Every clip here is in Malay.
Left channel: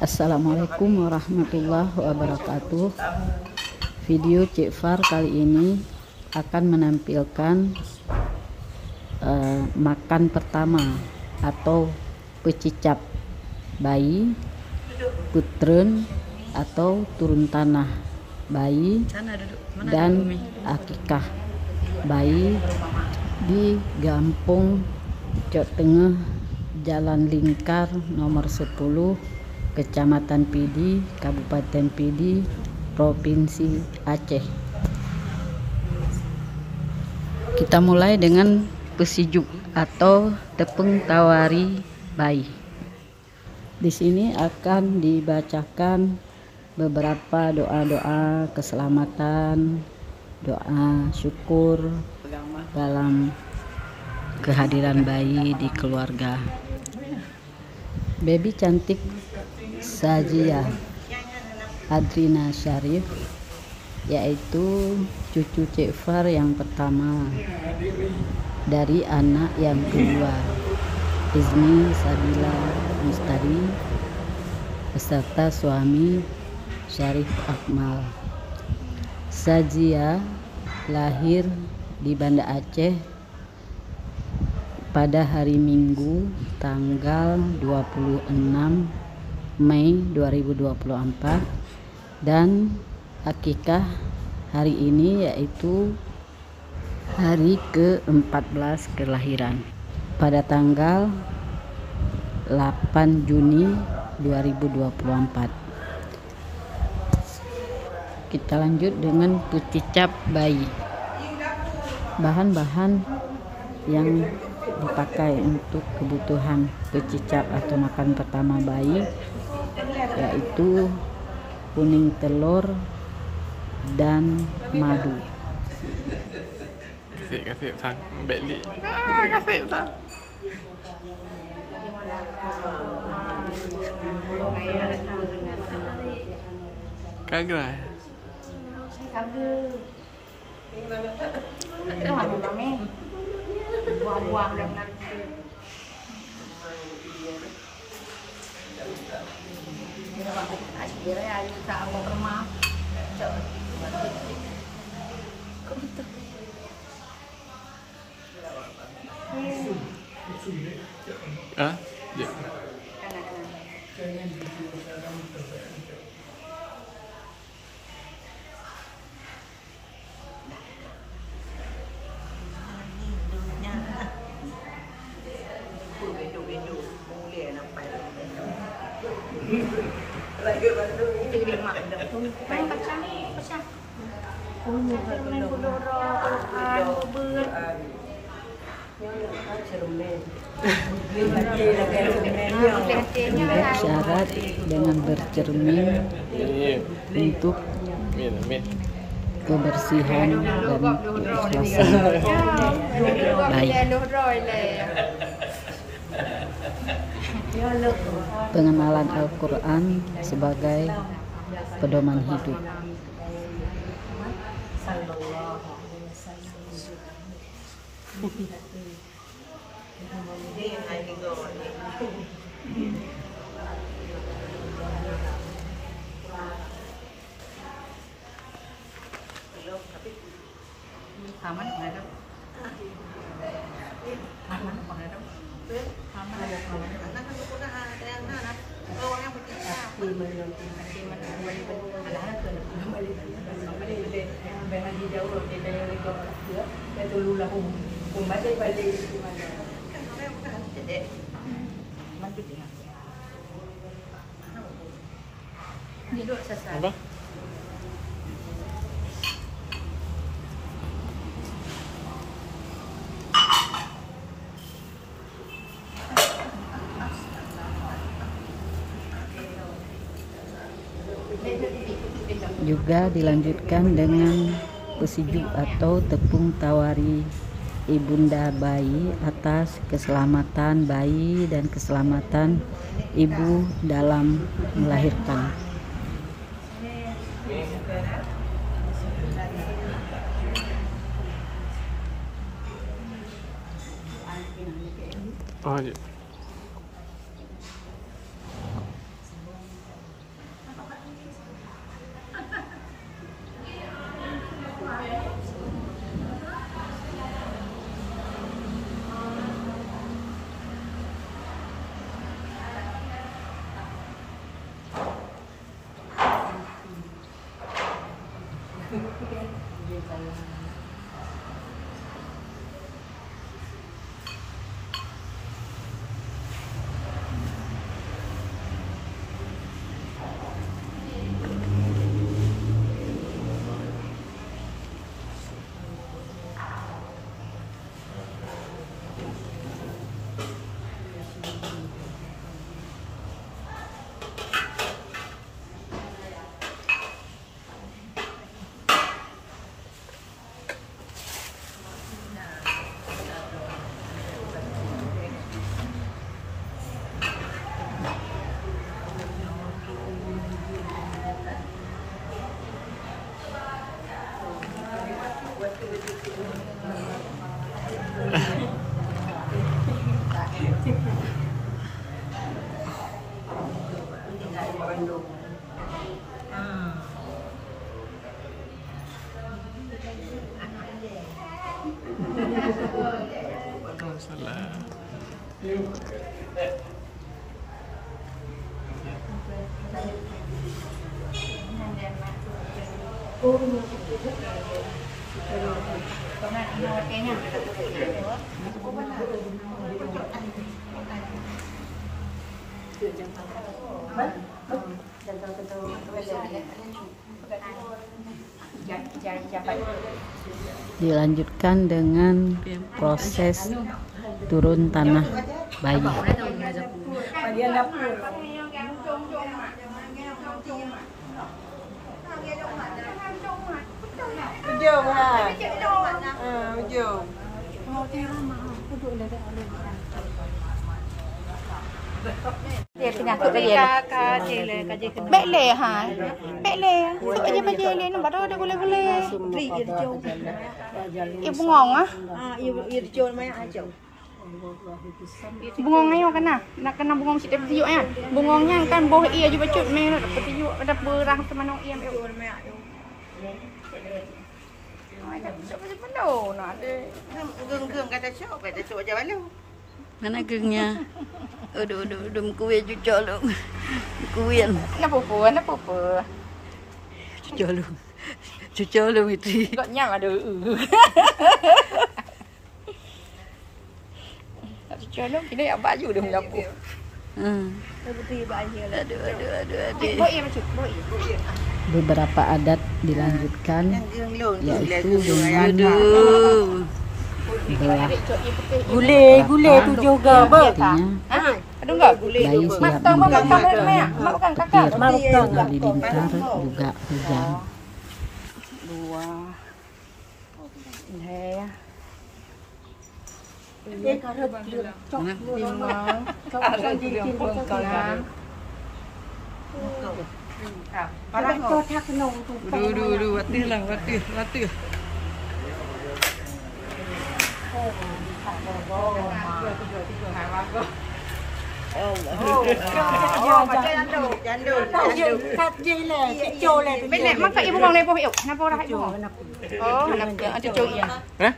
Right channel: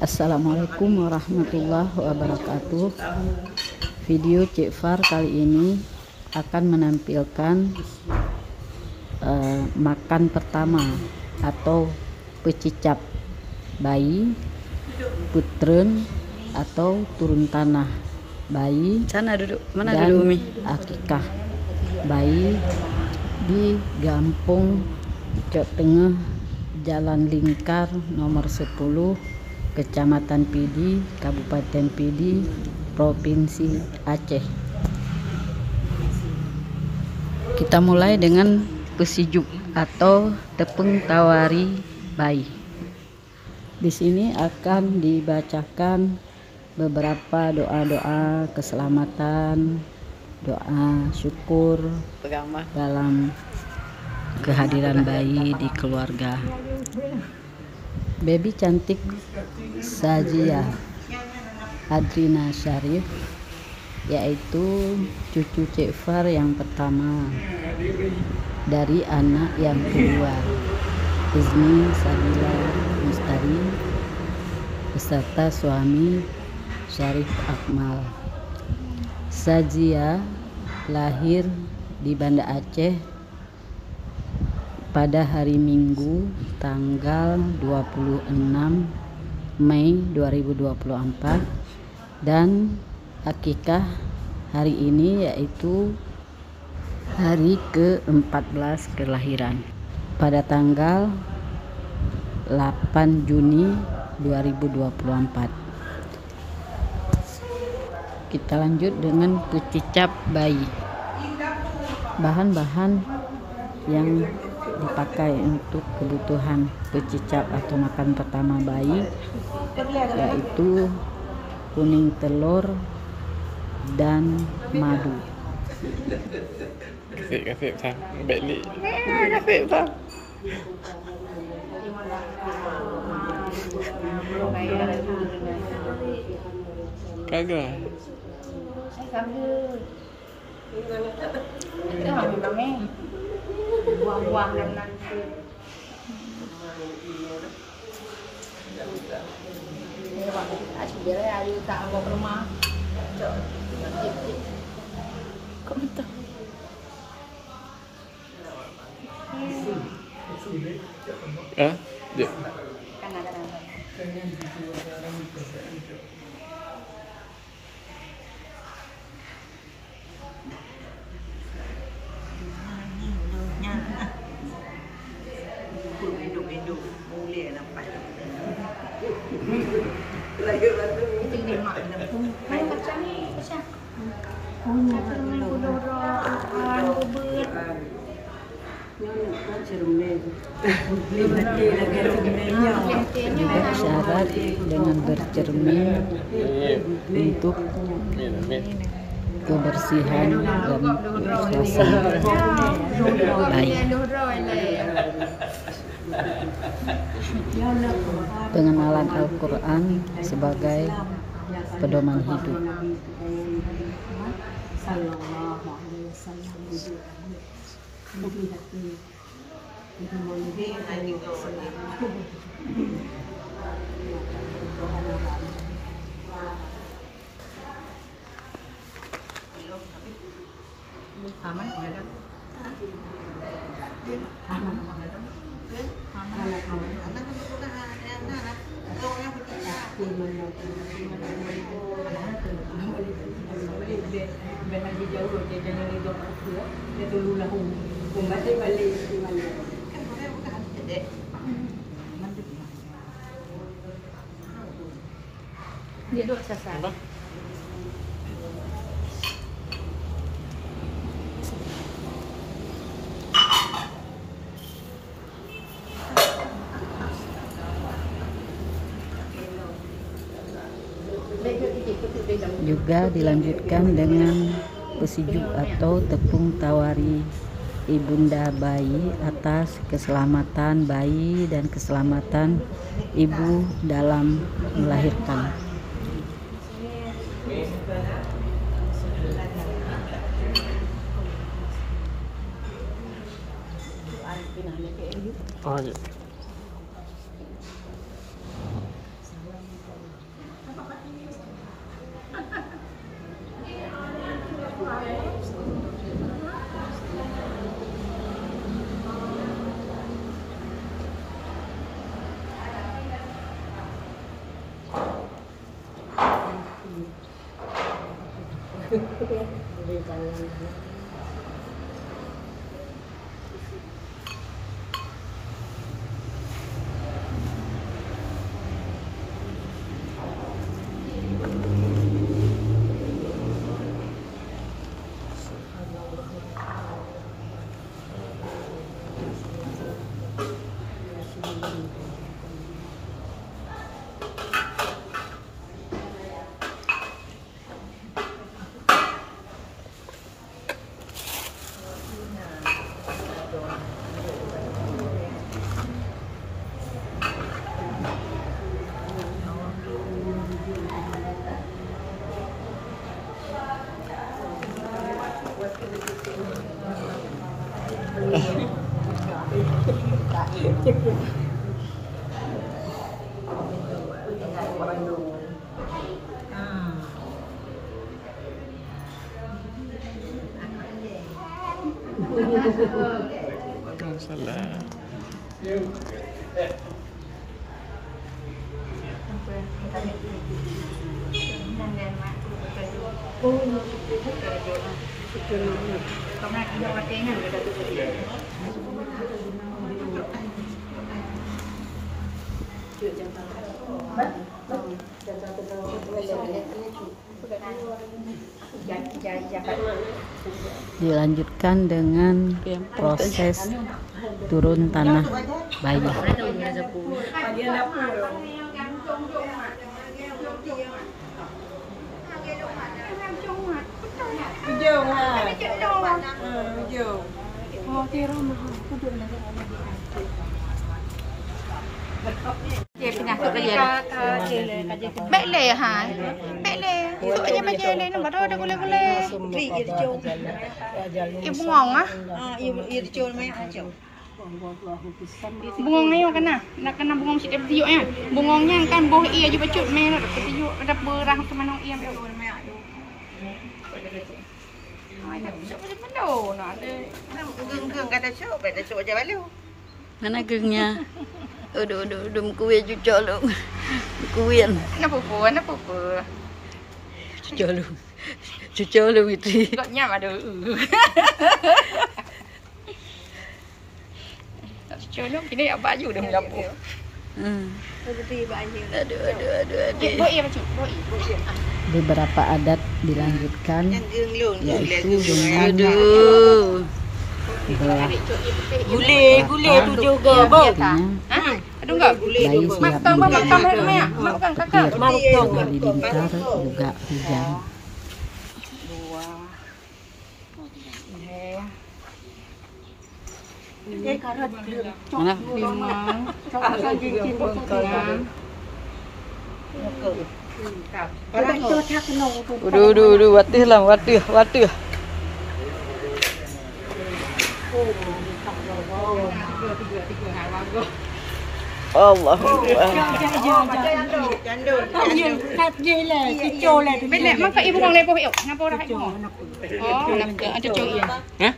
Assalamualaikum warahmatullahi wabarakatuh. Video Cik Far kali ini akan menampilkan makan pertama atau pecicap bayi, putren atau turun tanah bayi, dan akikah bayi di Gampung Cok Tengah, Jalan Lingkar nomor 10, Kecamatan Pidi, Kabupaten Pidi, Provinsi Aceh. Kita mulai dengan pesijuk atau tepung tawari bayi. Di sini akan dibacakan beberapa doa-doa keselamatan, doa syukur dalam kehadiran bayi di keluarga. Baby cantik Sajia Adrina Syarif, yaitu cucu Cik Far yang pertama dari anak yang kedua, Izni Sabila Mustari beserta suami Syarif Akmal. Sajia lahir di Banda Aceh pada hari Minggu tanggal 26 Mei 2024 dan akikah hari ini yaitu hari ke-14 kelahiran pada tanggal 8 Juni 2024. Kita lanjut dengan pecicap bayi. Bahan-bahan yang dipakai untuk kebutuhan pecicap atau makan pertama bayi yaitu kuning telur dan madu. Kasih sang beli. Kasih sang. Kagak. Buang-buang dengan ini Pak asyik dia ayu tak bawa ke rumah. Ya. Kanan. Main baca nih, baca. Punya cermin kudoro, an bebet. Juga syarat dengan bercermin untuk kebersihan dan keikhlasan bayi. Pengenalan Al-Quran sebagai pedoman hidup. Aman ada. Aman ada. Dia dua sasar. Juga dilanjutkan dengan pesijuk atau tepung tawari ibunda bayi atas keselamatan bayi dan keselamatan ibu dalam melahirkan. Salah. Kemudian ini watenya ada satu tadi. Dilanjutkan dengan proses turun tanah bayi. Baik le ha. Baik le. Tuk aja baca le nak baru dah boleh-boleh. Ibu ngong ah. Ibu irjul mai aja. Bungong ayo kena. Nak kena bungong sikit tiup ah. Bungongnya kan boh ia je becut mai nak tiup ada berah ke mana ia mai ayo. Ai tak besok mana nak. Geng-geng kata cok, kata cok aja balu. Mana gengnya? Udah kuih cucok lu. Kuih. Kenapa? Cucok lu itu. Kok nyam ada. Cucok lu kini apa baju dah menyapu. Beberapa adat dilanjutkan, yaitu dengan belah Gule tu juga artinya bayi siap menerima petir dan halilintar juga hujan. Udah, watih. Allah. Benar, maka ibu ngong lepoh yuk. Napa ora ibu ngong? Oh, ada cucuk ya. Hah?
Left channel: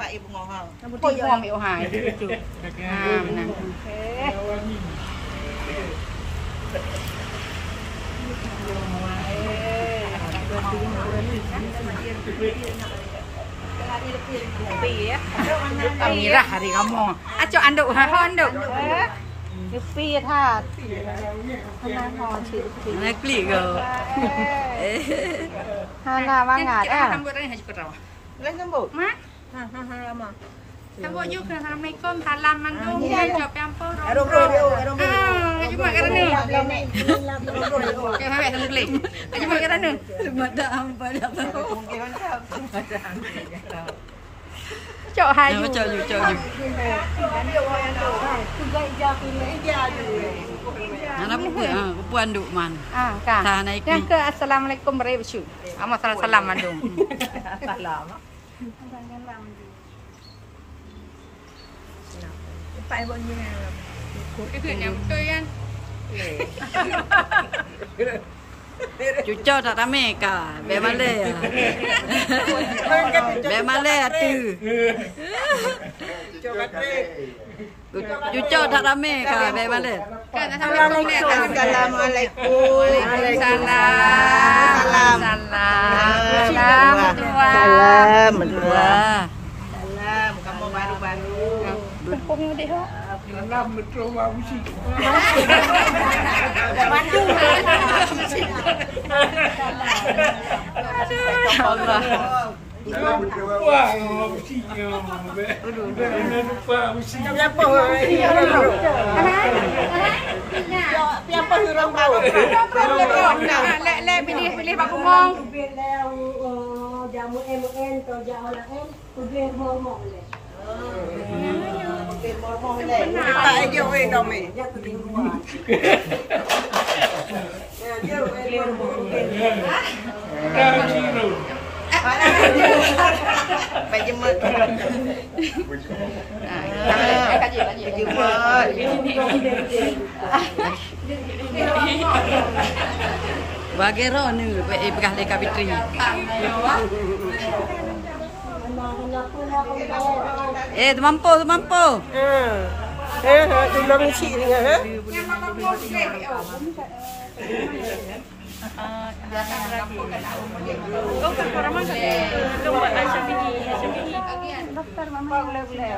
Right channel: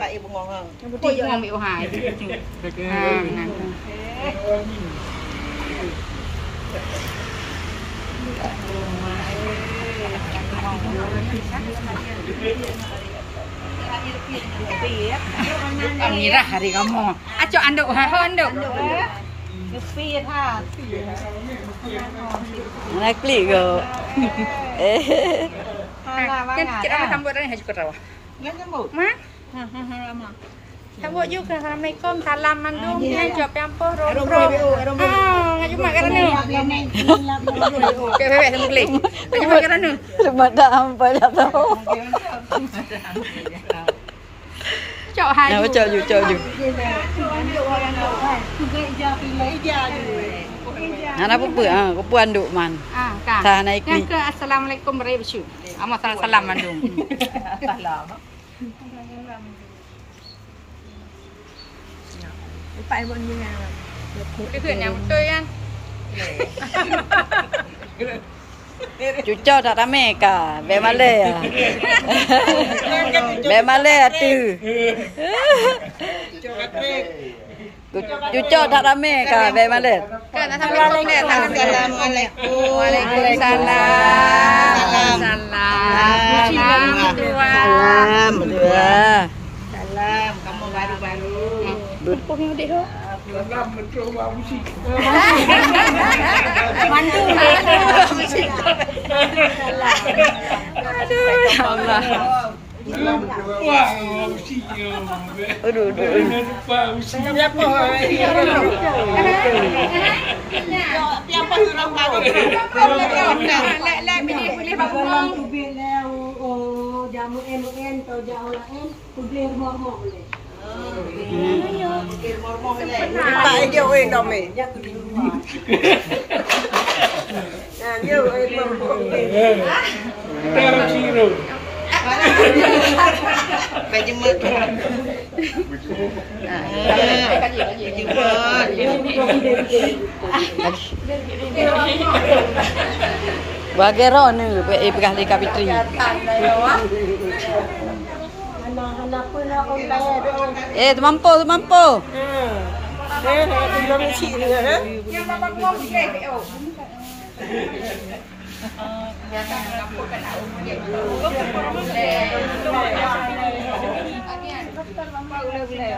Pak ibu ngong. Ibu ngong ibu hai. Nah. Amirah hari kamu. Aco anduk ha anduk. Speed ha. Nak klik ke? Kita sambut ni haji kerawa. Enggak sambut. Ma? Lama. Sambut juga. Assalamualaikum. Salam mandung. Jawab pampoh rom. Ngaju mak kerana. Okey, bebek sama klik. Ngaju mak kerana. Mata hampa dah tahu. Cok hai. Nak cok ju. Anak apa puan duk man. Kan. Tah naik klik. Ke assalamualaikum berebsu. Amat salam mandung. Salam. Pak ibu ni. Dia yang betul kan? Cucok tak ramai ka. Be malai ah. Be malai tu. Cucok tak ramai ka. Be malai. Kan assalamualaikum. Assalamualaikum. Waalaikumsalam. Salam tua. Salam dua. Salam, kamu baru-baru. Apa yang dia? Salam mencoba musik. Mantu. Aduh, ya Allah. Salam mencoba musik. Aduh. Jangan lupa musik. Siapa orang tahu? Lek pilih bakong. Jamu MN atau jamu lain, beli rumah-rumah boleh. Tak aja oi dome. Jatuh di rumah. Ya, yo oi mau. Dalam siro. Baju mek. Bagero ni pegah di Kapitri. Anak-anak pun nak orang Tu mampu. Belum cik dia. Yang bapak mau boleh. Biasa nak pun nak umur. Orang boleh. Agian doktor mama boleh.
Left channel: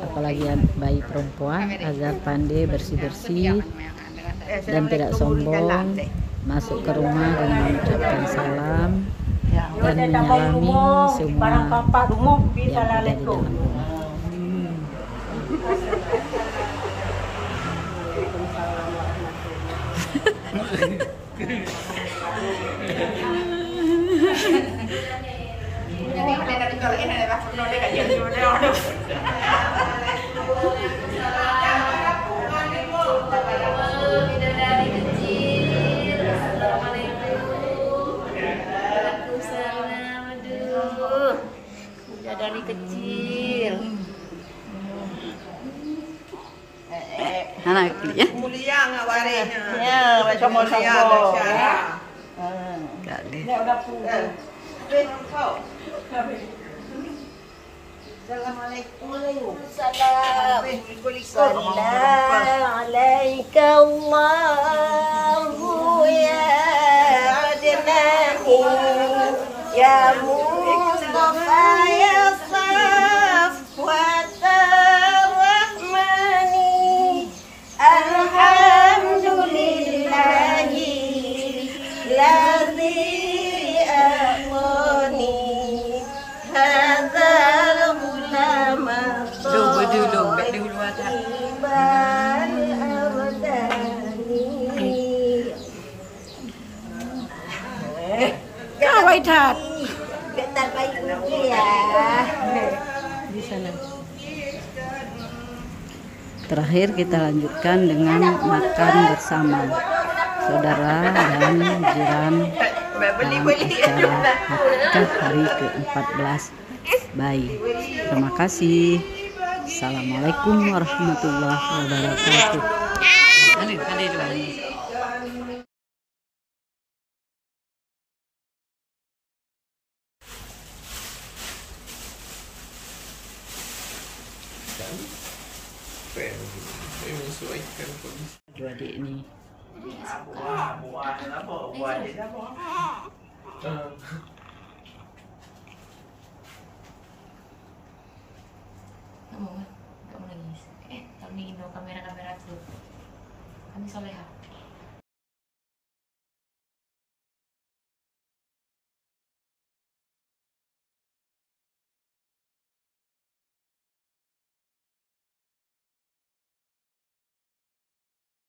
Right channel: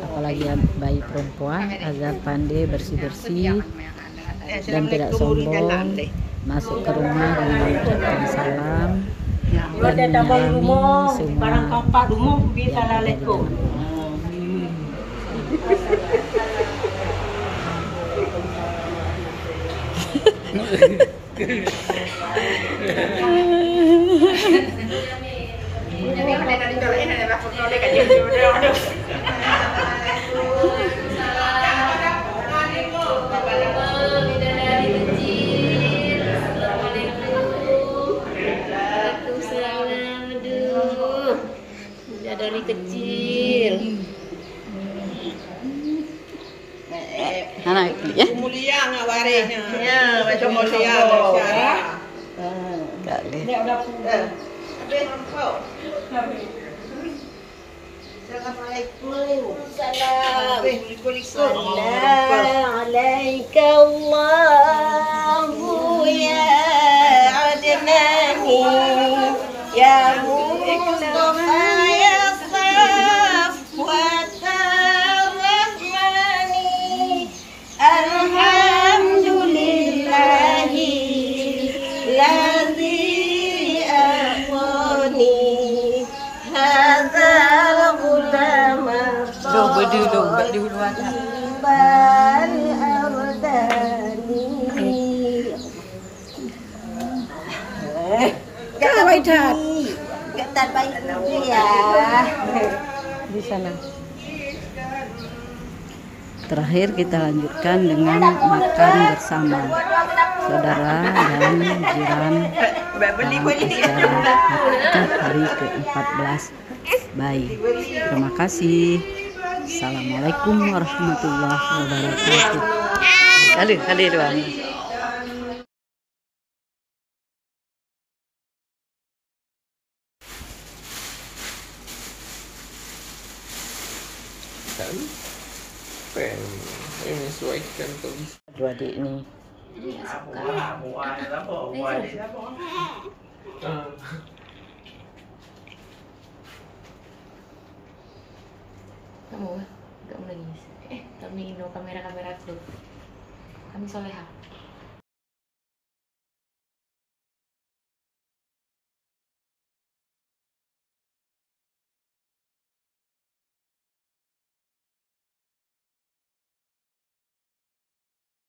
Apalagi bayi perempuan agar pandai bersih-bersih dan tidak sombong, masuk ke rumah dengan mengucapkan salam dan menyalami semua yang ada di dalam rumah. dari kecil. Anak ya? Mulia ngak warisnya. Ya, macam mulia Malaysia. Kali. Assalamualaikum. Assalamualaikum Allahu ya adnani ya Mustafa ya Safwat ar-Rahmani alhamdulillahi ladzi aqani hadzal ghulama Dong, bek dulu atas. bal abdani. Kau baik tat. Ketat baik lagi ya. Di sana. Terakhir kita lanjutkan dengan makan bersama saudara dan jiran dalam acara akikah hari ke-14 bayi. Terima kasih. Assalamualaikum warahmatullahi wabarakatuh. Kali doang. Saya menyesuaikan kondisi. Dua adik ini Kamu nggak mau nangis. Kami Indo kamera aku. Kami soleha.